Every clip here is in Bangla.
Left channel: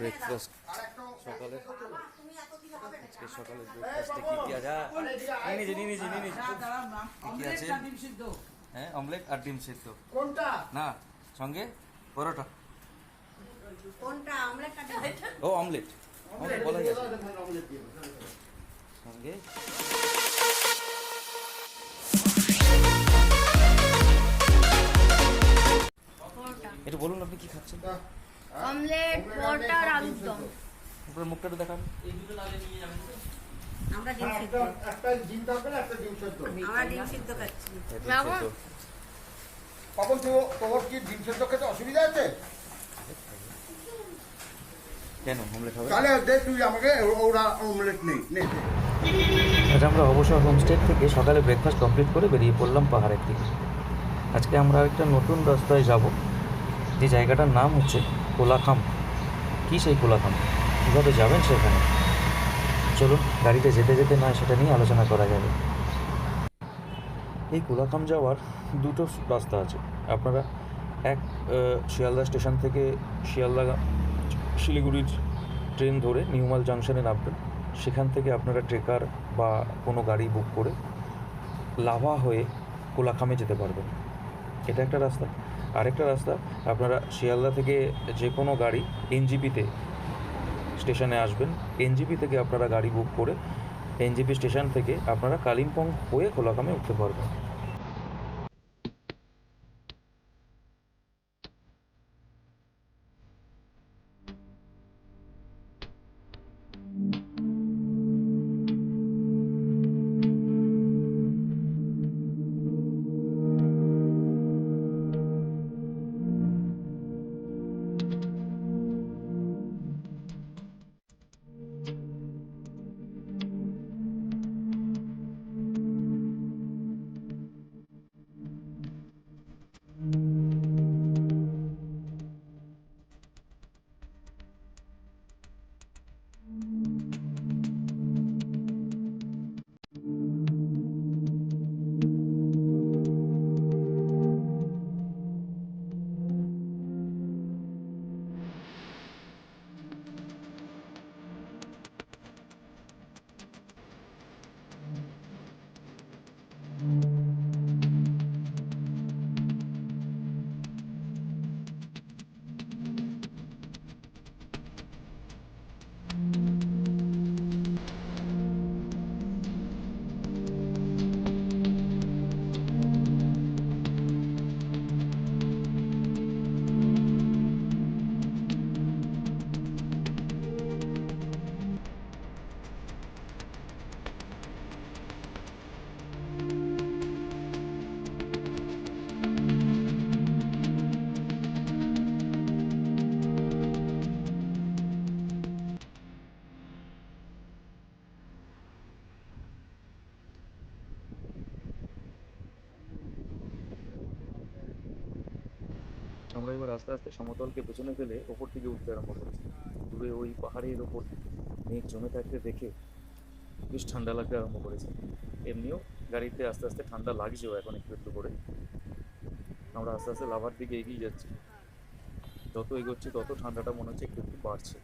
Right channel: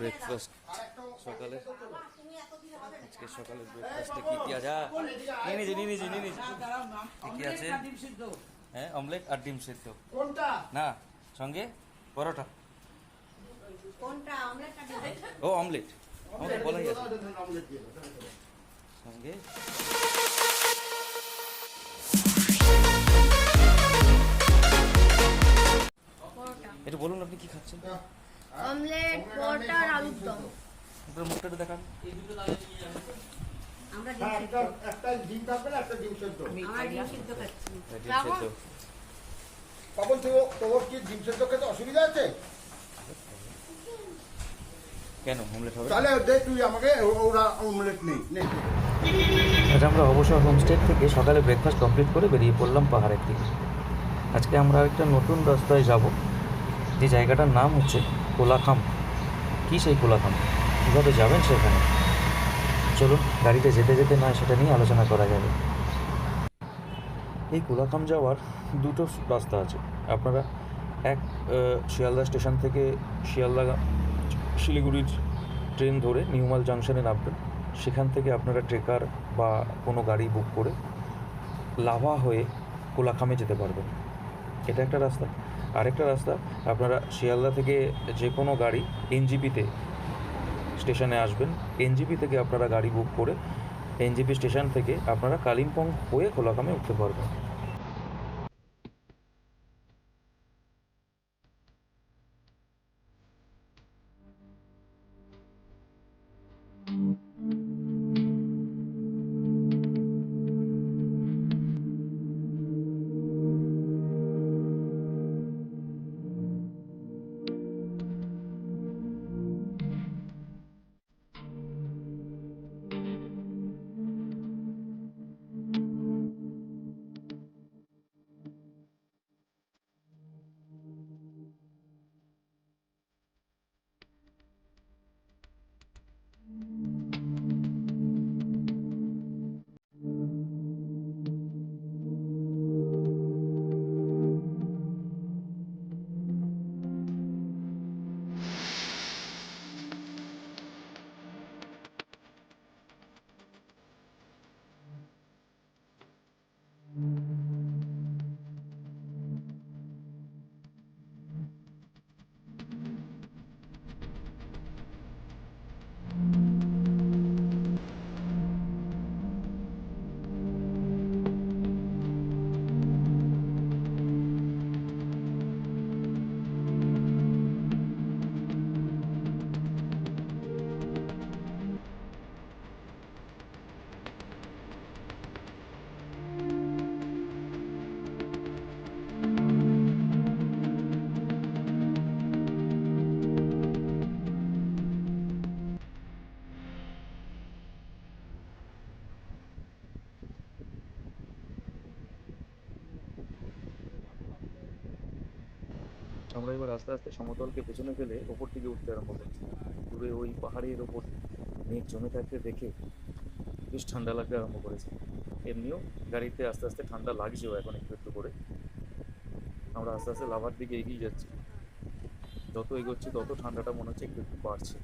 ব্রেকফাস্ট সকালে আজকে সকালের ব্রেকফাস্টে কি কি আছে? কি আছে? হ্যাঁ, অমলেট আর ডিম সেদ্ধ। কোনটা না সঙ্গে পরোটা? কোনটা অমলেট? ও অমলেট, অমলেট বলাই আছে সঙ্গে। এটা বলুন আপনি কি খাচ্ছেন? অমলেট, পরোটা আর আলুর দম। আপনার মুখটা একটু দেখান। আমরা ডিম সিদ্ধ। একটা ডিম তরকারি, একটা ডিম সিদ্ধ। আমরা ডিম সিদ্ধ খাচ্ছি। ডিম সেদ্ধ। পাপন তোর কি ডিম সেদ্ধ খেতে অসুবিধা আছে? কেন অমলেট হবে? তাহলে দে তুই আমাকে, ওরা অমলেট নেই। আজ আমরা অবসর হোমস্টে থেকে সকালে ব্রেকফাস্ট কমপ্লিট করে বেরিয়ে পড়লাম পাহাড়ের দিকে। আজকে আমরা একটা নতুন রাস্তায় যাব, যে জায়গাটার নাম হচ্ছে কোলাখাম। কী সেই কোলাখাম, কীভাবে যাবেন সেখানে, চলুন গাড়িতে যেতে যেতে না সেটা নিয়ে আলোচনা করা যাবে। এই কোলাখাম যাওয়ার দুটো রাস্তা আছে। আপনারা এক শিয়ালদা স্টেশন থেকে শিলিগুড়ির ট্রেন ধরে নিউমাল জাংশনে নামবেন। সেখান থেকে আপনারা ট্রেকার বা কোনো গাড়ি বুক করে লাভা হয়ে কোলাখামে যেতে পারবেন। এটা একটা রাস্তা। আরেকটা রাস্তা, আপনারা শিয়ালদা থেকে যে কোনো গাড়ি এনজিপিতে স্টেশনে আসবেন। এনজিপি থেকে আপনারা গাড়ি বুক করে এনজিপি স্টেশন থেকে আপনারা কালিম্পং হয়ে কোলাখামে উঠতে পারবেন। আমরা এবার আস্তে আস্তে সমতলকে পেছনে ফেলে ওপর দিকে উঠতে আরম্ভ করেছি। দূরে ওই পাহাড়ের ওপর মেঘ জমে থাকতে দেখে বেশ ঠান্ডা লাগতে আরম্ভ করেছে। এমনিও গাড়িতে আস্তে আস্তে ঠান্ডা লাগছেও এখন একটু একটু করে। আমরা আস্তে আস্তে লাভার দিকে এগিয়ে যাচ্ছি। যত এগোচ্ছি তত ঠান্ডাটা মনে হচ্ছে একটু একটু বাড়ছে।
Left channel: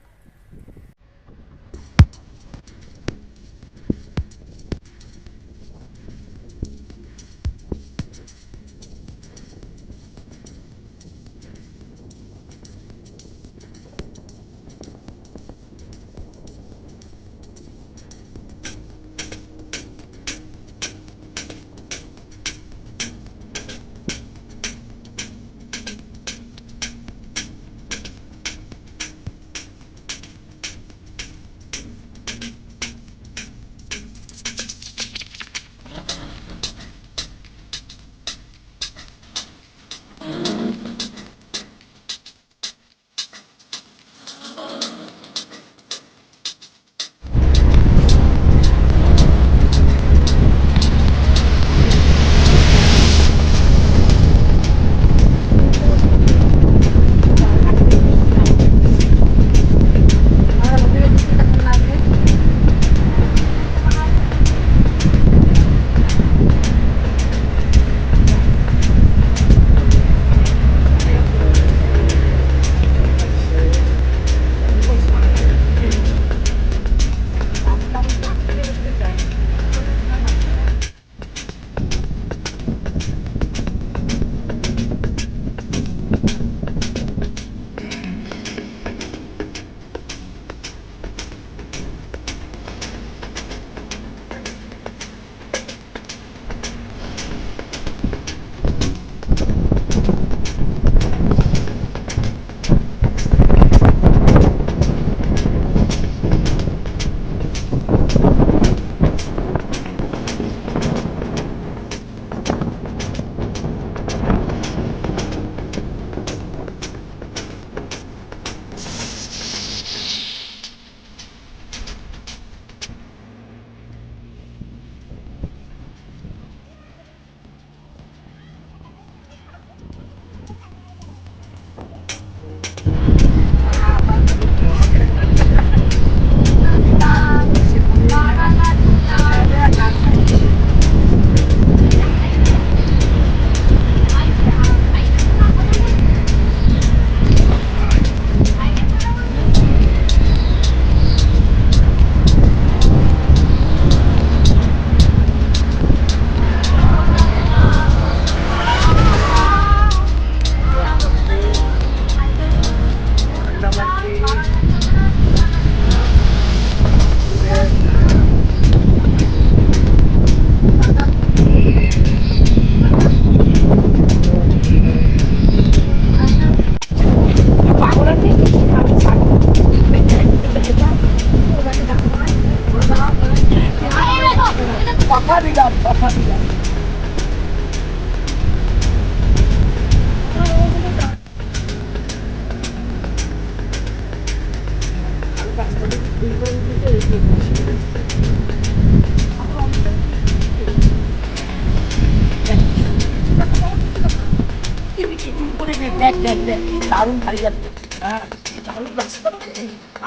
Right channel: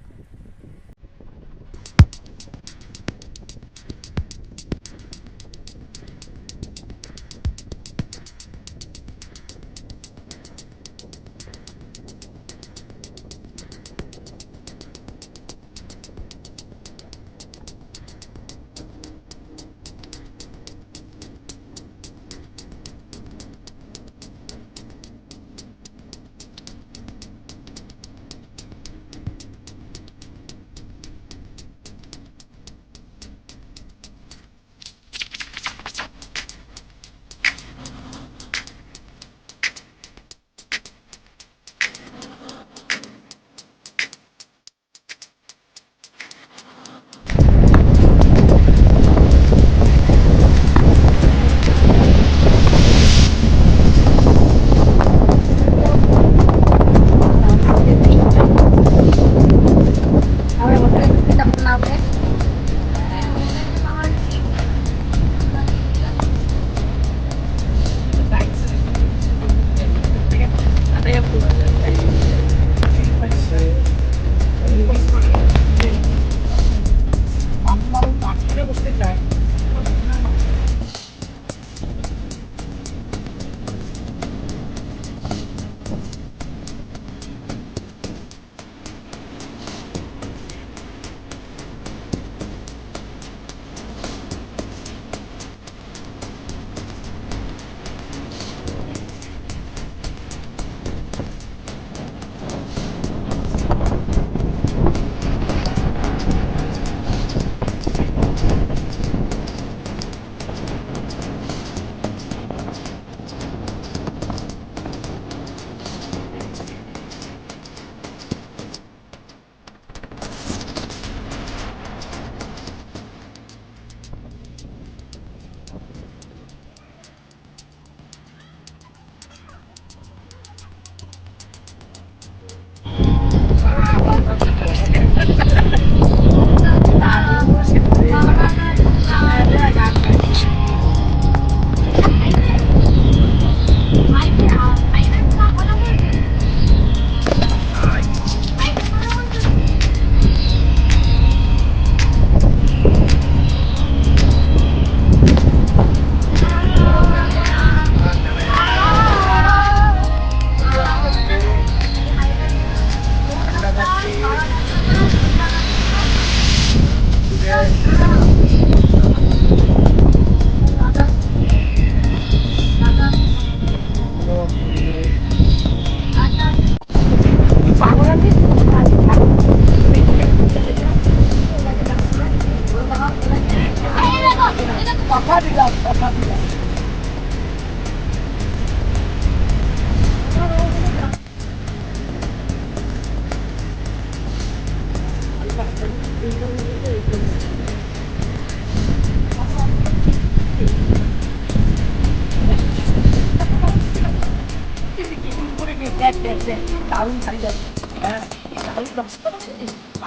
দারুণ শাড়ি লাগবে। হ্যাঁ, দারুণ লাগছে।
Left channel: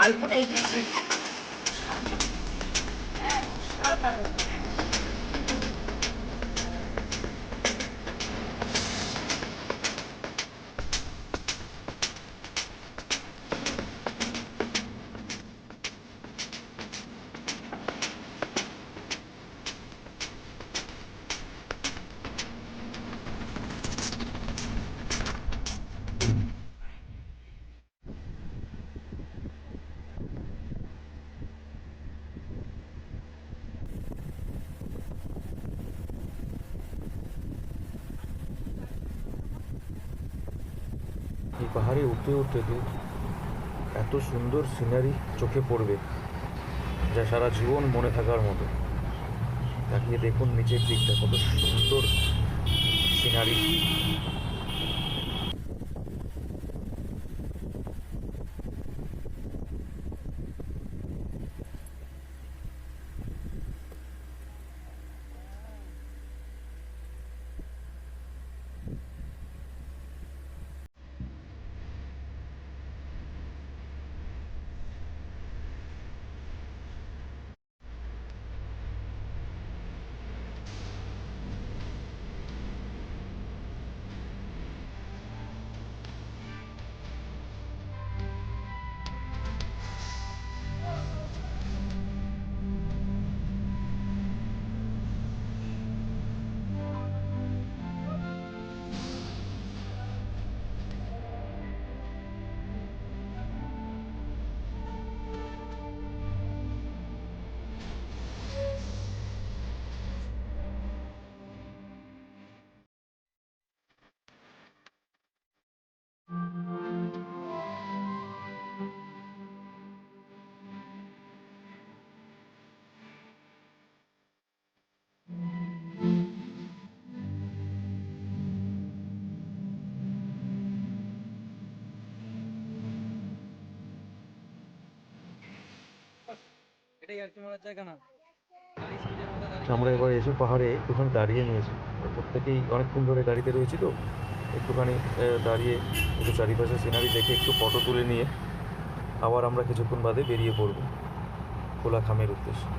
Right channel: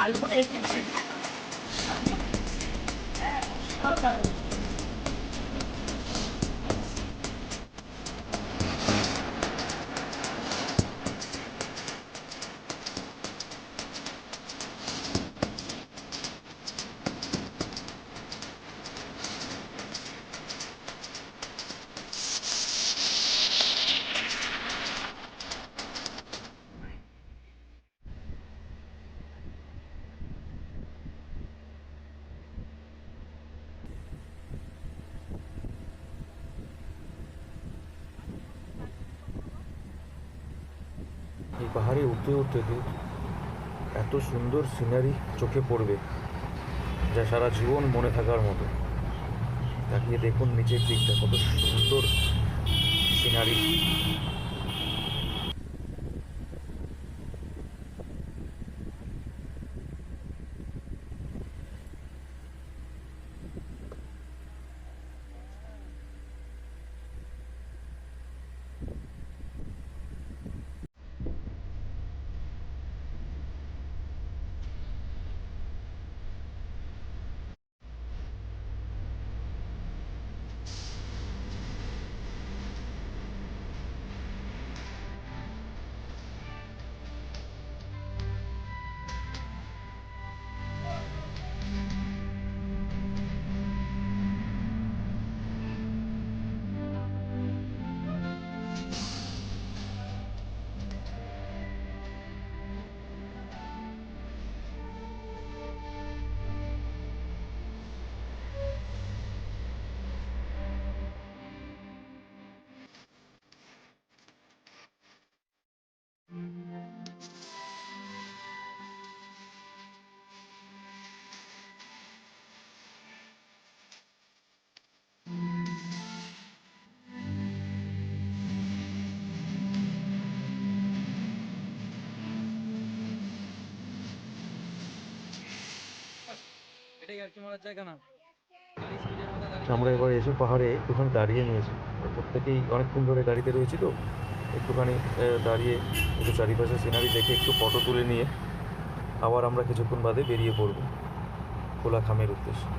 আলপনা এসেছে। এই পাহাড়ে উঠতে উঠতে তো এত সুন্দর সিনারি চোখে পড়বে যা সারা জীবন মনে থাকার মতো। তাকিয়ে দেখুন নিচের দিকটা কত সুন্দর সিনারি। আমরা এবার এসে পাহাড়ে একটুখানি দাঁড়িয়ে নিয়েছি। প্রত্যেকেই অনেকক্ষণ ধরে গাড়িতে রয়েছি তো একটুখানি দাঁড়িয়ে একটু চারিপাশে সিনারি দেখে একটু ফটো তুলে নিয়ে আবার আমরা কিছুক্ষণ বাদে বেরিয়ে পড়ব কোলাখামের উদ্দেশ্যে।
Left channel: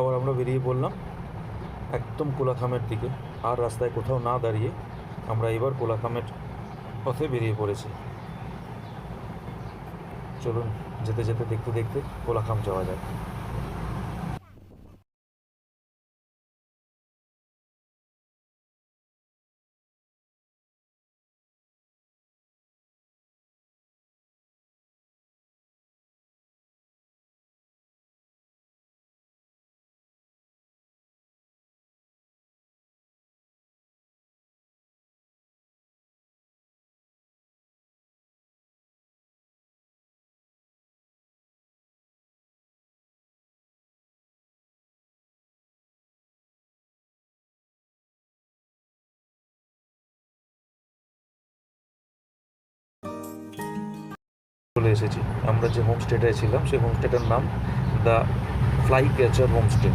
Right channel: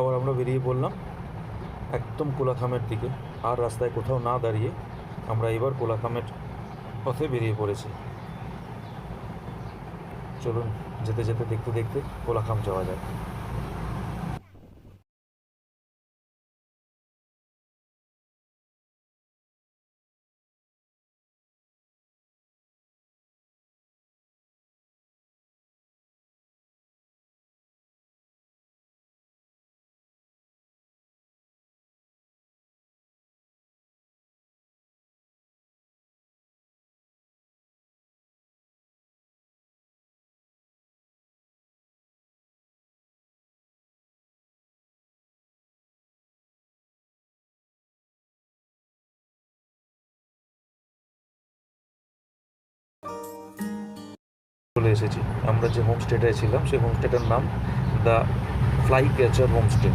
আবার আমরা বেরিয়ে পড়লাম একদম কোলাখামের দিকে। আর রাস্তায় কোথাও না দাঁড়িয়ে আমরা এবার কোলাখামের পথে বেরিয়ে পড়েছি। চলুন যেতে যেতে দেখতে দেখতে কোলাখাম যাওয়া যায়। চলে এসেছি। আমরা যে হোমস্টেটায় ছিলাম সেই হোমস্টেটার নাম দ্য ফ্লাই ক্যাচার হোমস্টে।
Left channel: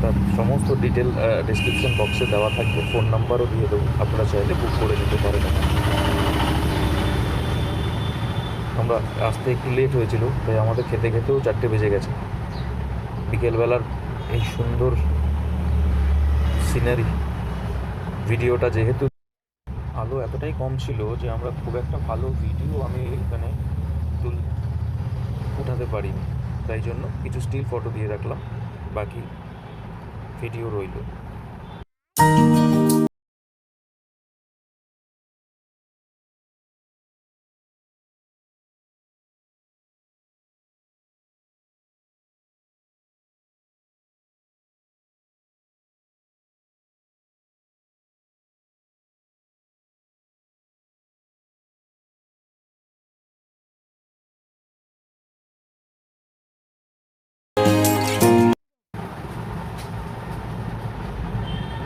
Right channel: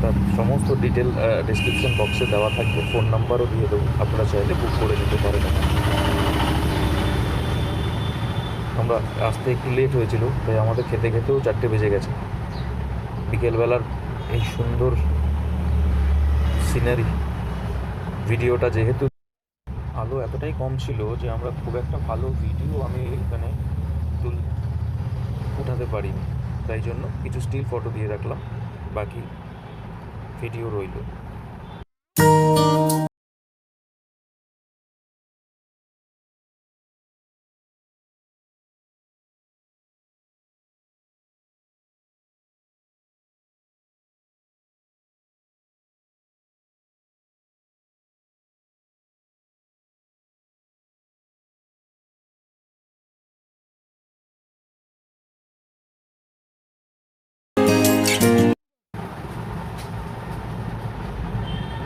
তার সমস্ত ডিটেল ডেসক্রিপশন বক্সে দেওয়া থাকবে, ফোন নাম্বারও দিয়ে দেবো, আপনারা চাইলে বুক করে নিতে পারেন। আমরা আসতে একটু লেট হয়েছিল, তাই আমাদের খেতে খেতেও 4টে বেজে গেছে। বিকেলবেলার এই সুন্দর সিনারি ভিডিওটা, যেহেতু আলো এতটাই কম ছিল যে আমরা খুব একটা ভালো ভিডিও আমি এখানে উঠাতে পারিনি, তাই জন্য কিছু স্টিল ফটো দিয়ে রাখলাম, বাকি ভিডিও রইল।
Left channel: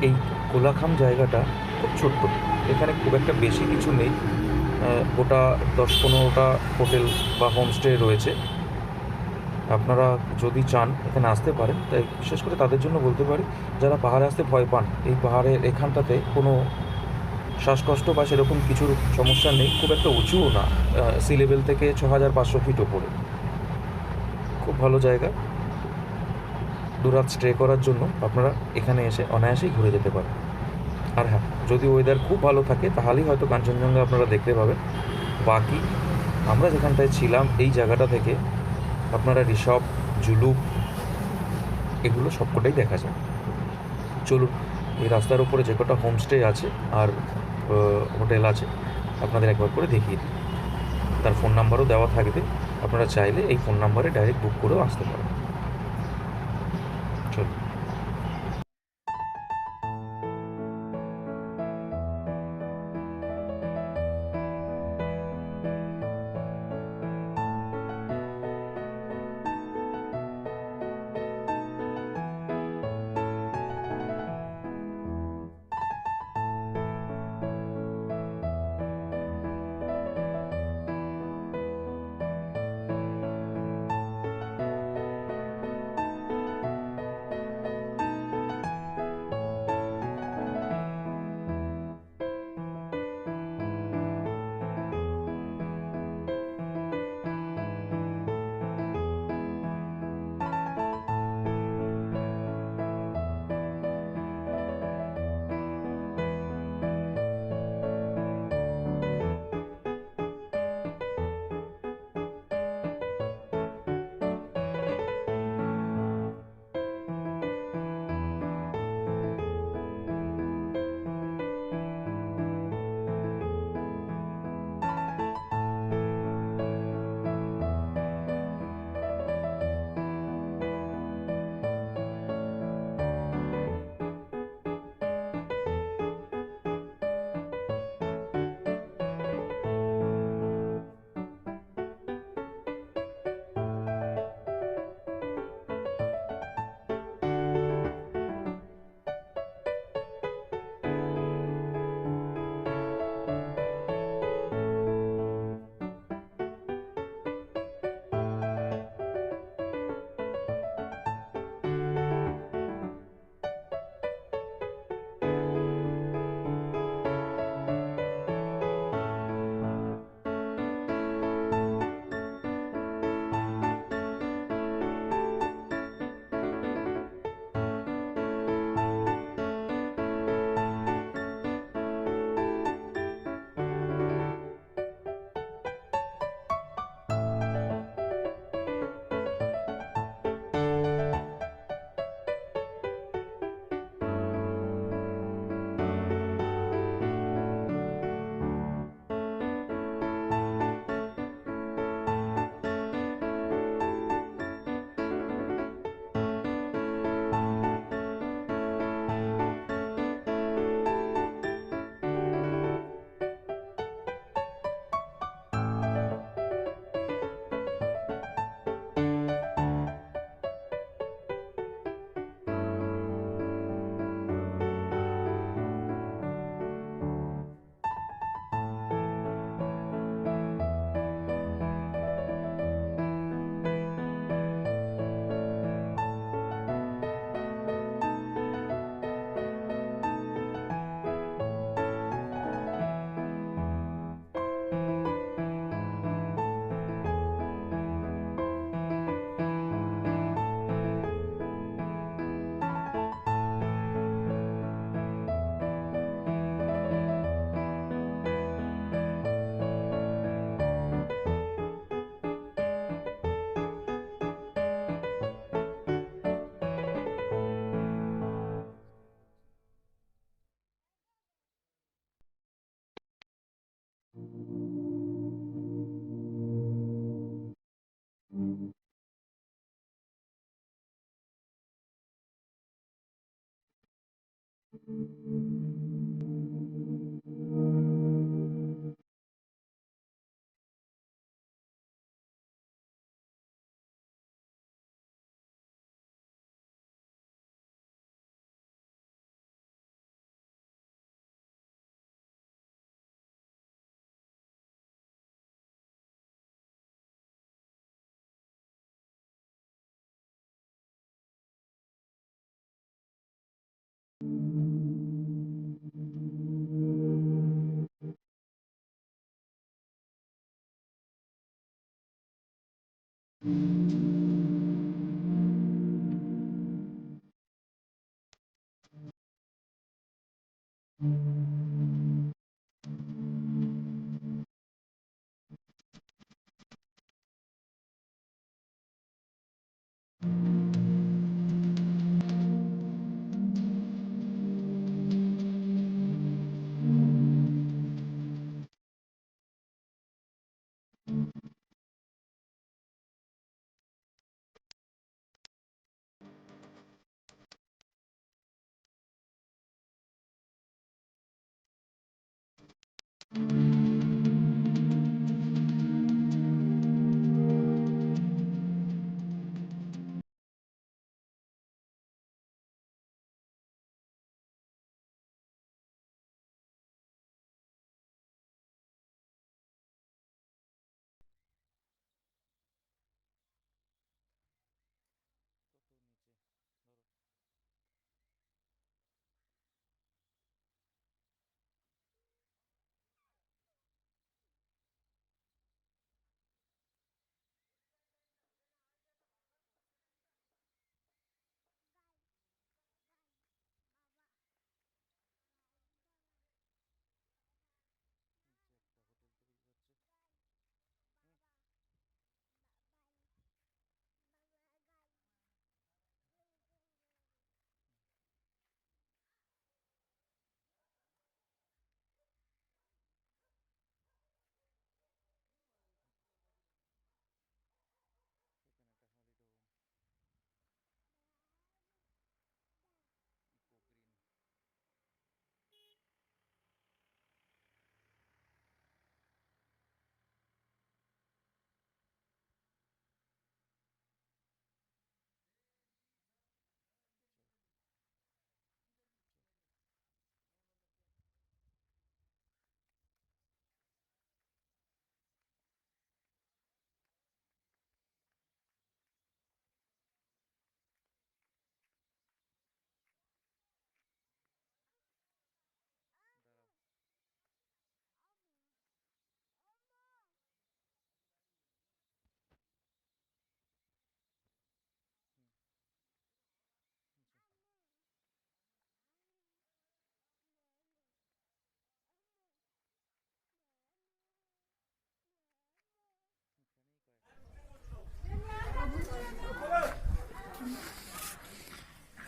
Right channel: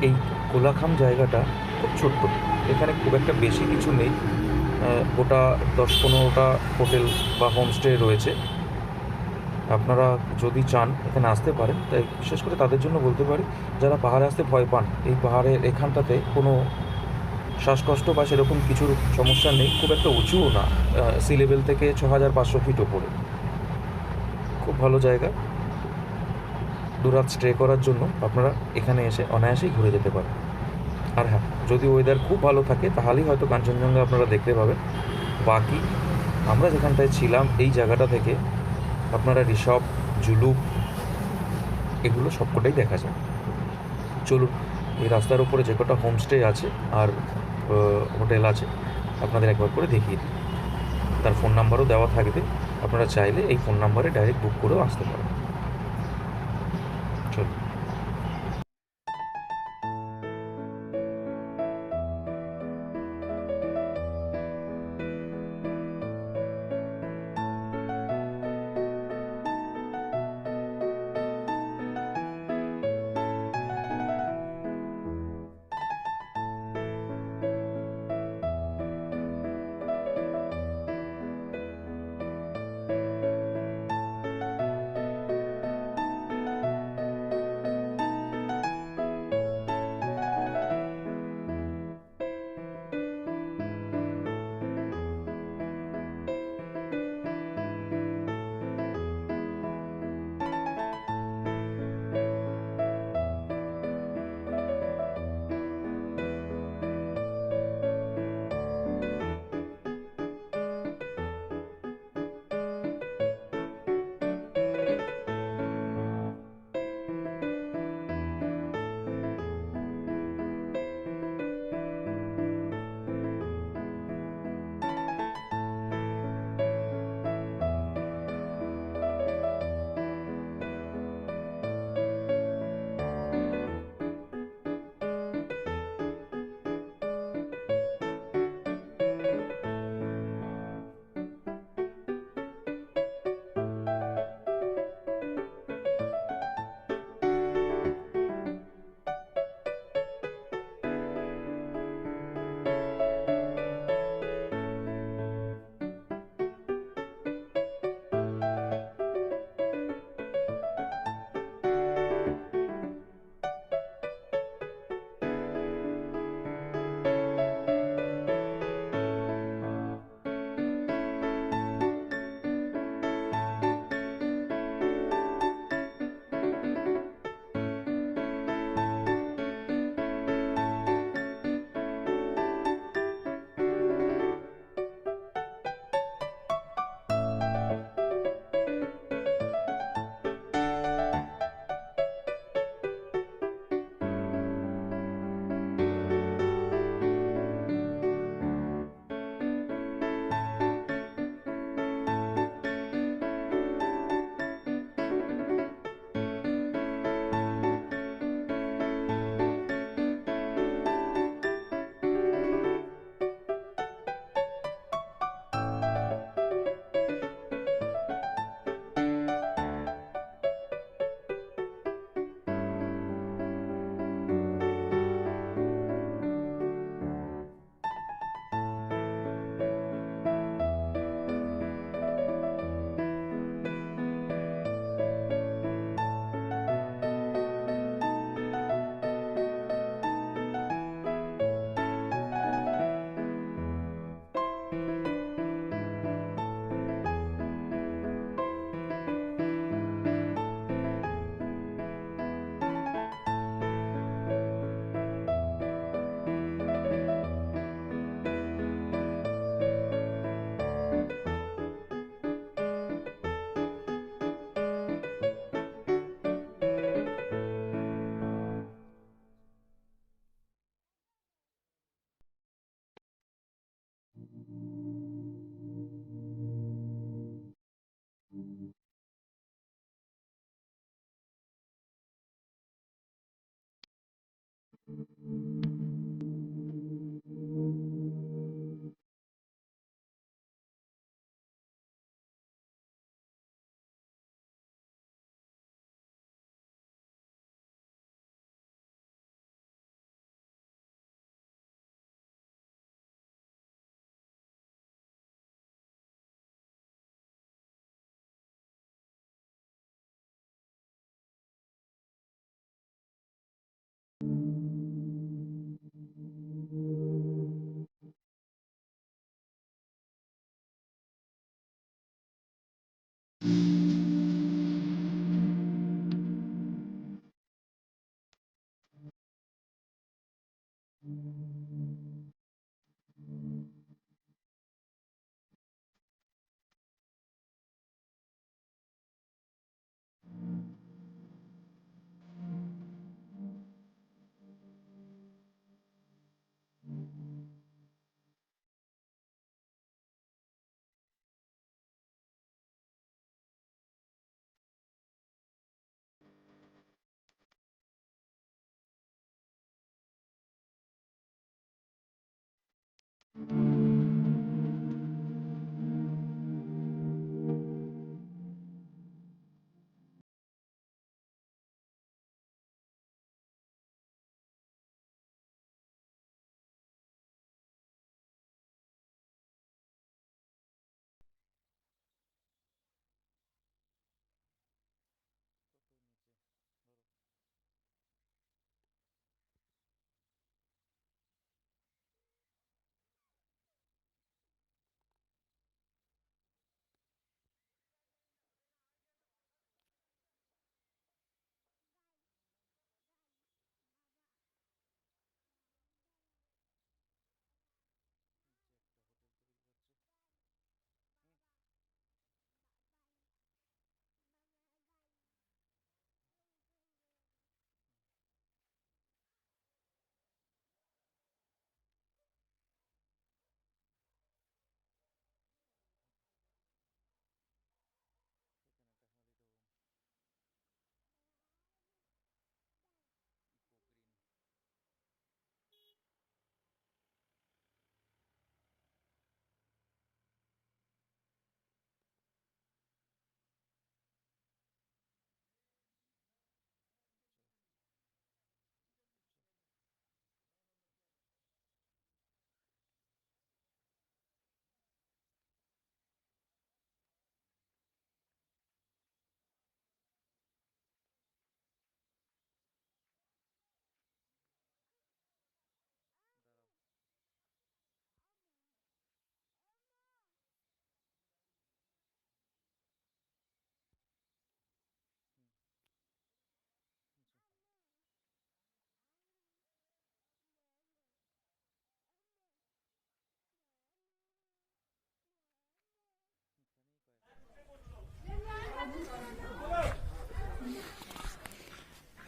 এই কোলাখাম জায়গাটা খুব ছোট্ট, এখানে খুব একটা বেশি কিছু নেই। গোটা 10-15টা হোটেল বা হোমস্টে রয়েছে। আপনারা যদি চান এখানে আসতে পারেন, তাই বিশেষ করে তাদের জন্য বলতে পারি যারা পাহাড়ে আসতে ভয় পান। এই পাহাড়ের এখানটাতে কোনো শ্বাসকষ্ট বা সেরকম কিছুর সমস্যা নেই, খুব একটা উঁচুও না, সি লেভেল থেকে 6500 ফিট ওপরে। খুব ভালো জায়গা, দুরাত স্টে করার জন্য আপনারা এখানে এসে অনায়াসেই ঘুরে যেতে পারেন। আর হ্যাঁ, যদি ওয়েদার খুব ভালো থাকে তাহলেই হয়তো কাঞ্চনজঙ্ঘা আপনারা দেখতে পাবেন। বাকি আমরা যেখানটায় ছিলাম এই জায়গাটা থেকে আপনারা ঋষভ, জুলুক এগুলো সবকটাই দেখা যায়। চলুন, এই রাস্তার উপরে যে কটা হোমস্টে আছে আর হোটেল আছে আপনাদের একবার করে দেখিয়ে দিই। তার ফোন নাম্বারও দেওয়া থাকবে, আপনারা চাইলে এই ফোন নাম্বারে ডাইরেক্ট বুক করেও আসতে পারেন। চলুন।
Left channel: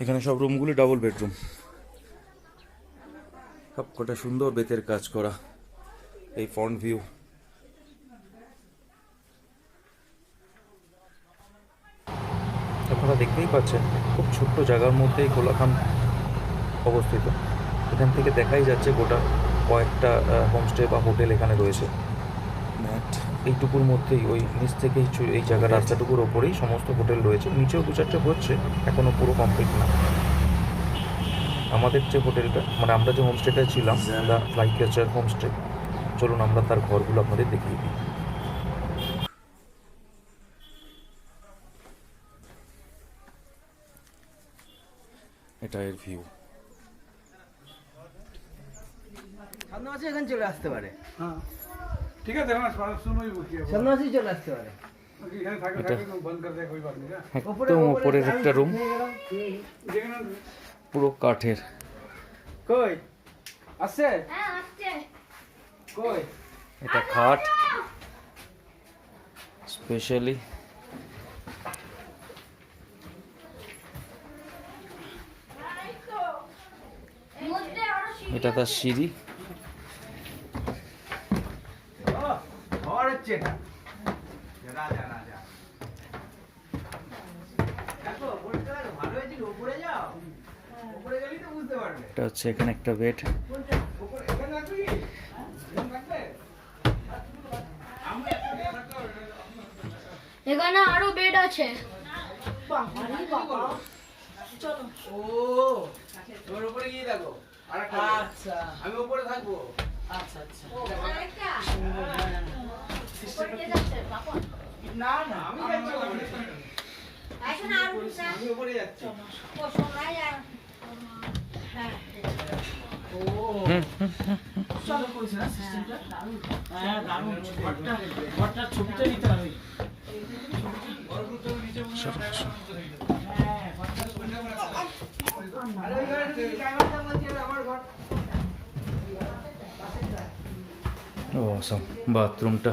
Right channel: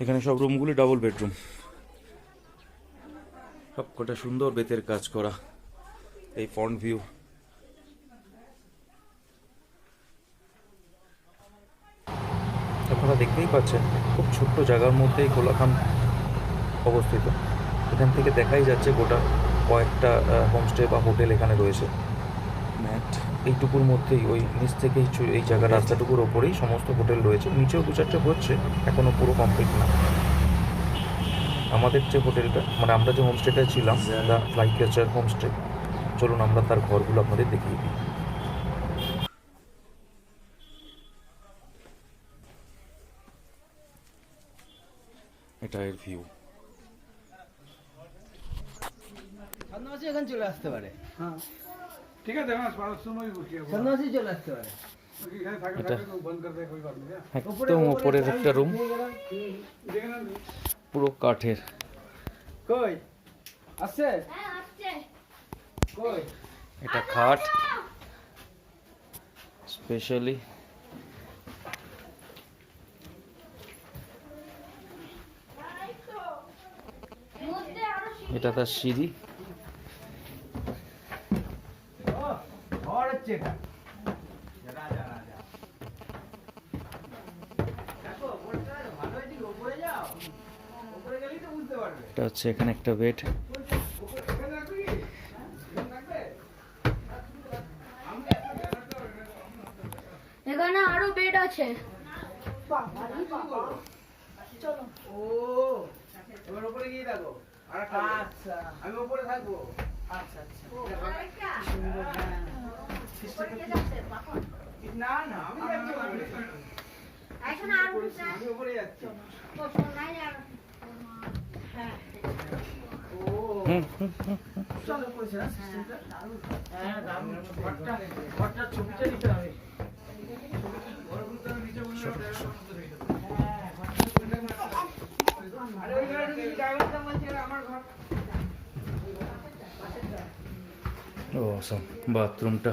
এখানে সব রুমগুলি ডাবল বেডরুম, সব কটা সুন্দর বেতের কাজ করা। এই ফ্রন্ট ভিউ, আপনারা দেখতেই পাচ্ছেন খুব ছোট্ট জায়গার মধ্যেই কোলাখাম অবস্থিত। এখান থেকে দেখাই যাচ্ছে গোটা কয়েকটা হোমস্টে বা হোটেল এখানে রয়েছে। এইটুকুর মধ্যেই ওই নিচ থেকেই এই জায়গা রাস্তাটুকুর ওপরেই সমস্ত হোটেল রয়েছে। নিচেও দু চারটে হচ্ছে, এখনো পুরো কমপ্লিট না। আমাদের যে হোটেলটা, মানে আমরা যে হোমস্টেটা ছিলাম, দ্য ফ্লাই ক্যাচার হোমস্টে, চলুন আমরা তার ঘরগুলো আপনাদের দেখিয়ে দিই। এটা এর ভিউ। সন্ন্যাসী এখানে চলে আসতে পারে, हाँ ठीक है देखना सुनो ही बुकिए সন্ন্যাসী চলে আসতে পারে। यहाँ थाके এটা थाके बंद कर दे कोई बात नहीं है একদম ওপরের একটা রুম, देखना পুরো কাঠের। কই আসছে? কই এটা খাট স্পেশালি। এটা তার সিঁড়ি। ঘর হচ্ছে এটা। রাজা রাজা দেখো বলতে পারো ভালো হয়েছে, ওপরে যাও, ওপরে গেলেই তো বুঝতে পারবে। এটা হচ্ছে এখানে একটা বেড। এখানে আরো বেড আছে। ও তোর উপরে গিয়ে দেখো আচ্ছা আমি উপরে থাকবো আচ্ছা আচ্ছা না না আমি যাচ্ছি আমি উপরে যাচ্ছি ও চলো করেছে না সিস্টেমটা দারুণ হ্যাঁ দারুণ ঘরটার ছবিটা নিতে হবে অসম বাথরুমটা।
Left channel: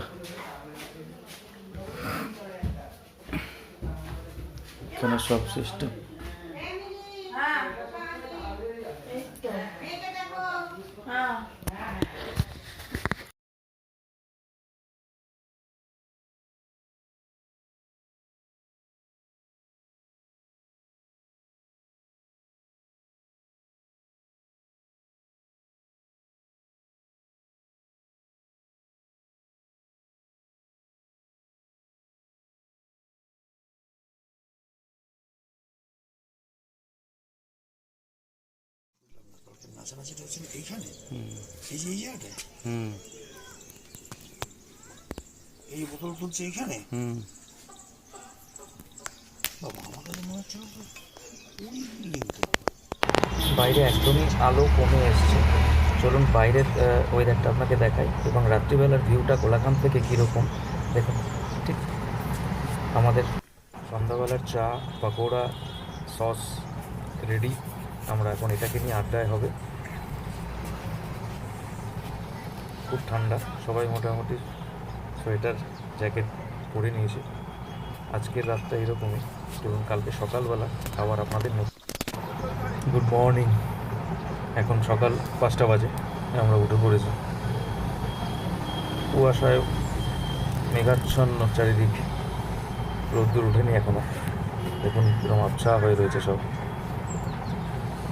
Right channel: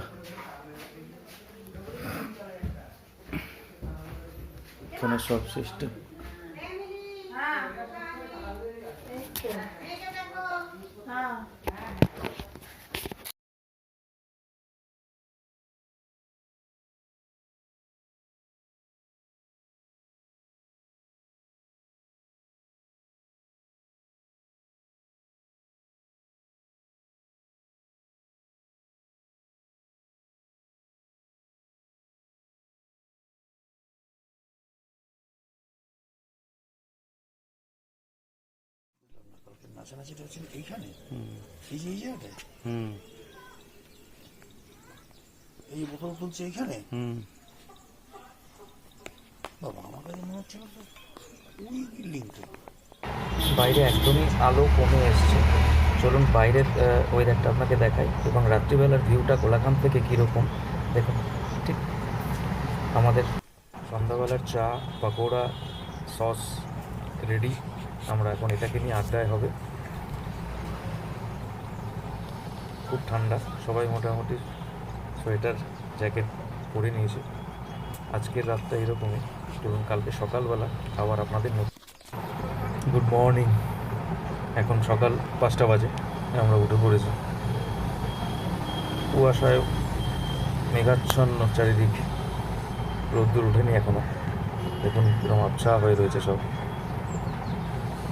এখানে সব সিস্টেম। নাচানাচি হচ্ছিল এইখানে এই যে এই জায়গাটায় এই বোতল তুলছে এইখানে বাবা আমার কাছে মনে হচ্ছিল তো ওই বিল্ডিং তো বাইরে একদমই আলো কমে এসছে। চলুন বাইরের ওয়েদারটা আপনাকে দেখাই এবং রাত্রিবেলার ভিউটা কোলাঘাম থেকে কীরকম দেখুন। ঠিক আমাদের সন্ধ্যাবেলার চা পাকোড়া সস রেডি। আমরা এখন এটাকে নিয়ে আড্ডায় হবে। খুব ঠান্ডা, সবাই মোটামুটি সোয়েটার জ্যাকেট পরে নিয়েছে। আজকের রাতটা এরকমই। চলুন কালকে সকালবেলা আবার আপনাদের গুড মর্নিং। এখন সকাল 5টা বাজে, আমরা উঠে পড়েছি। কুয়াশায় মেঘাচ্ছন্ন চারিদিক, রোদ্দুর উঠেনি এখনো। দেখুন কিরকম আবছা হয়ে রয়েছে সব।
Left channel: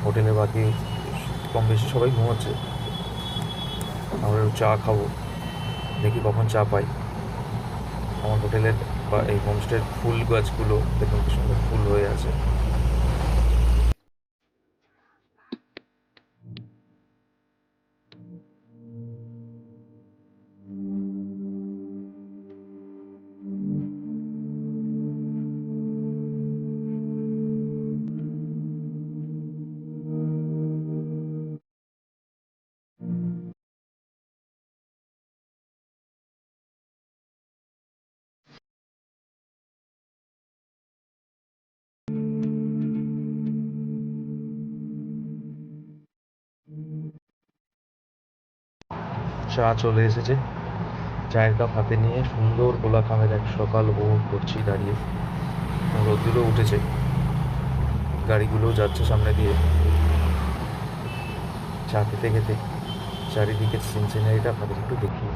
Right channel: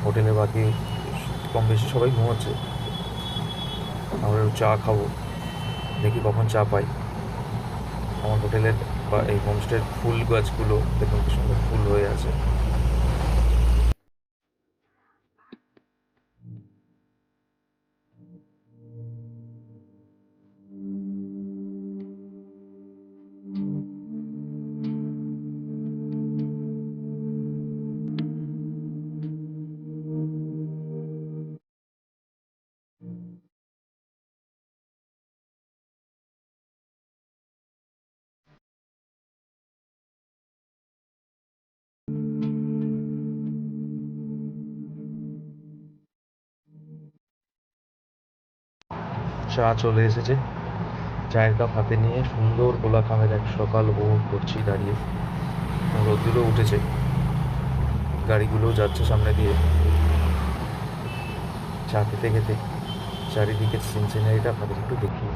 হোটেলে বাকি কম বেশি সবাই ঘুমোচ্ছে। আমরা চা খাবো, দেখি কখন চা পাই। আমার হোটেলের বা এই হোমস্টের ফুল গাছগুলো দেখুন কি সুন্দর ফুল হয়ে আছে। চা চলে এসেছে। চায়ের কাপ হাতে নিয়ে সুন্দর কোলাঘামের এক সকাল উপভোগ করছি দাঁড়িয়ে। রোদ্দুরও উঠেছে, গাড়িগুলোও যাচ্ছে সামনে দিয়ে। চা খেতে খেতে চারিদিকে সিনসিনারিটা আপনাদের একটু দেখিয়ে।